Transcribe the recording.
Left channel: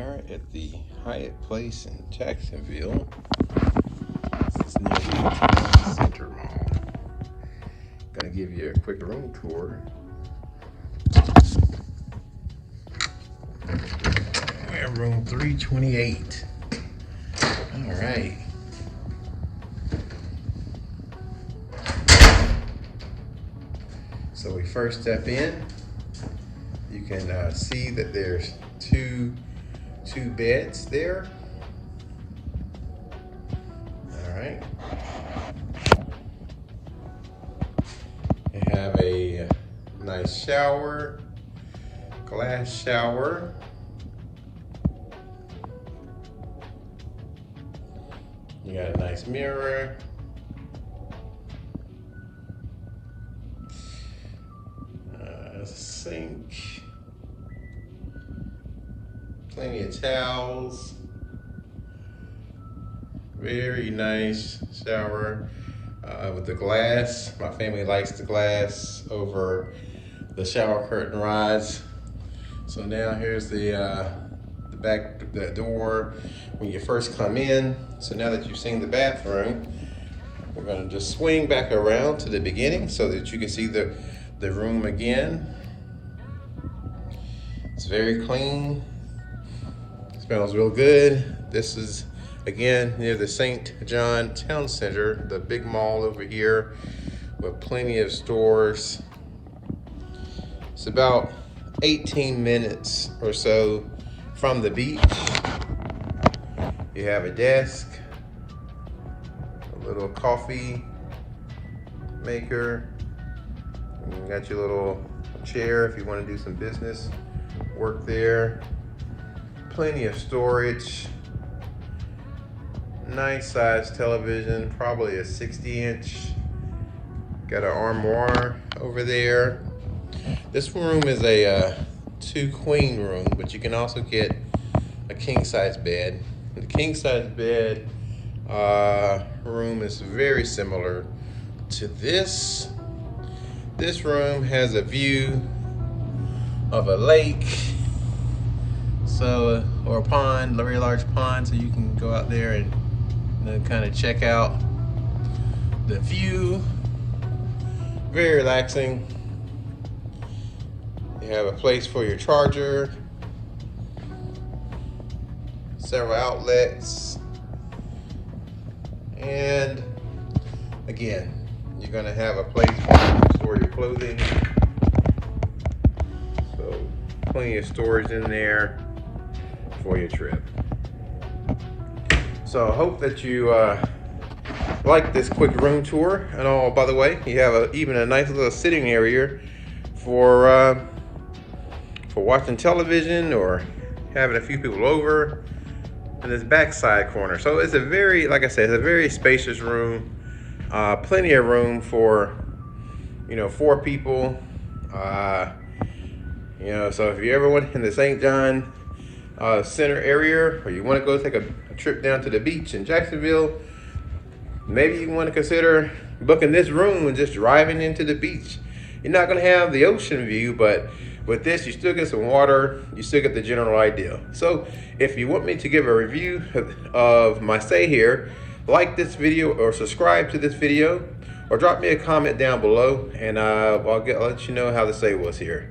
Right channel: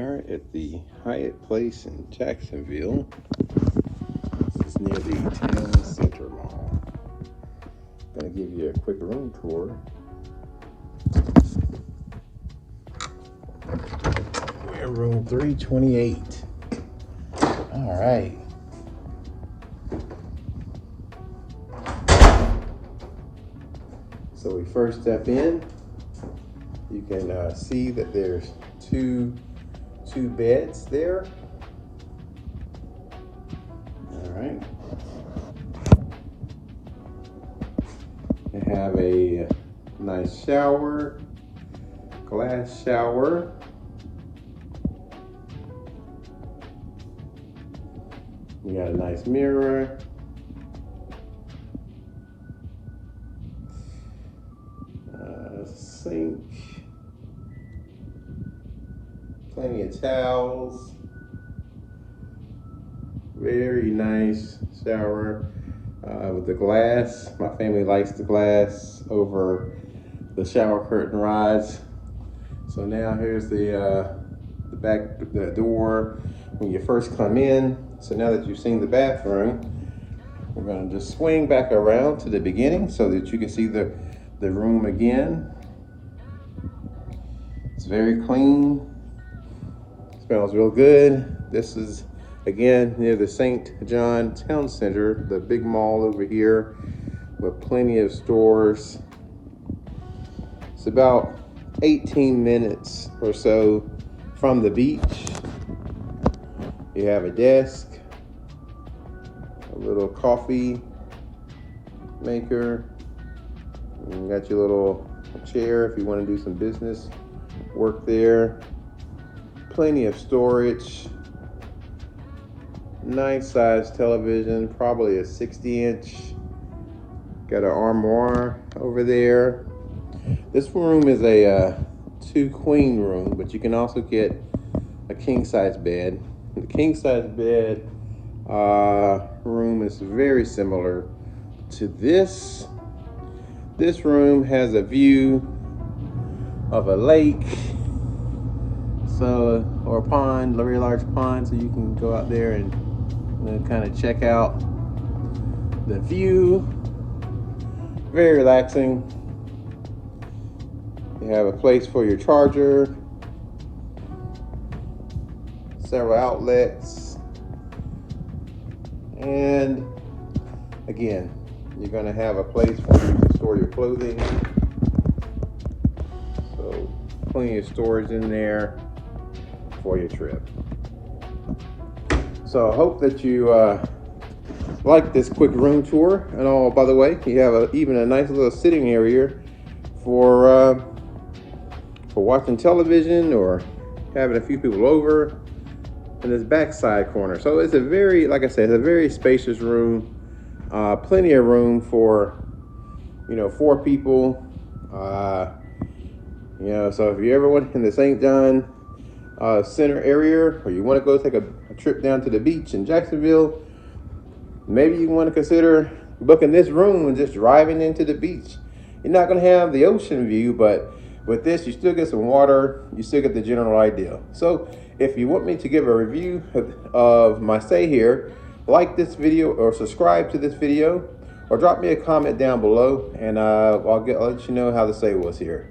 are at the Hyatt place in Jacksonville. This is near the Town Center Mall. Gonna give you a quick room tour. We're in room 328. All right. So we first step in. You can see that there's two beds there. All right. You have a nice shower, glass shower. You got a nice mirror. Sink. Plenty of towels. Very nice shower with the glass. My family likes the glass over the shower curtain rods. So now here's the door when you first come in. So now that you've seen the bathroom, we're going to just swing back around to the beginning so that you can see the room again. It's very clean. Smells real good. This is again near the St. John Town Center, the big mall over here with plenty of stores. It's about 18 minutes or so from the beach. You have a desk, a little coffee maker. You got your little chair if you want to do some business work there. Plenty of storage. Nice size television, probably a 60-inch. Got an armoire over there. This room is a 2-queen room, but you can also get a king-size bed. The king-size bed room is very similar to this. This room has a view of a lake, or a pond, a very large pond, so you can go out there and kind of check out the view. Very relaxing. You have a place for your charger, several outlets, and again, you're going to have a place to store your clothing. So plenty of storage in there for your trip. So I hope that you like this quick room tour. And all, by the way, you have even a nice little sitting area for watching television or having a few people over in this backside corner. So it's a very, like I said, it's a very spacious room. Plenty of room for 4 people. So if you ever went in the St. John Center area, or you want to go take a trip down to the beach in Jacksonville, maybe you want to consider booking this room and just driving into the beach. You're not going to have the ocean view, but with this, you still get some water. You still get the general idea. So if you want me to give a review of my stay here, like this video or subscribe to this video, or drop me a comment down below, and I'll let you know how the stay was here.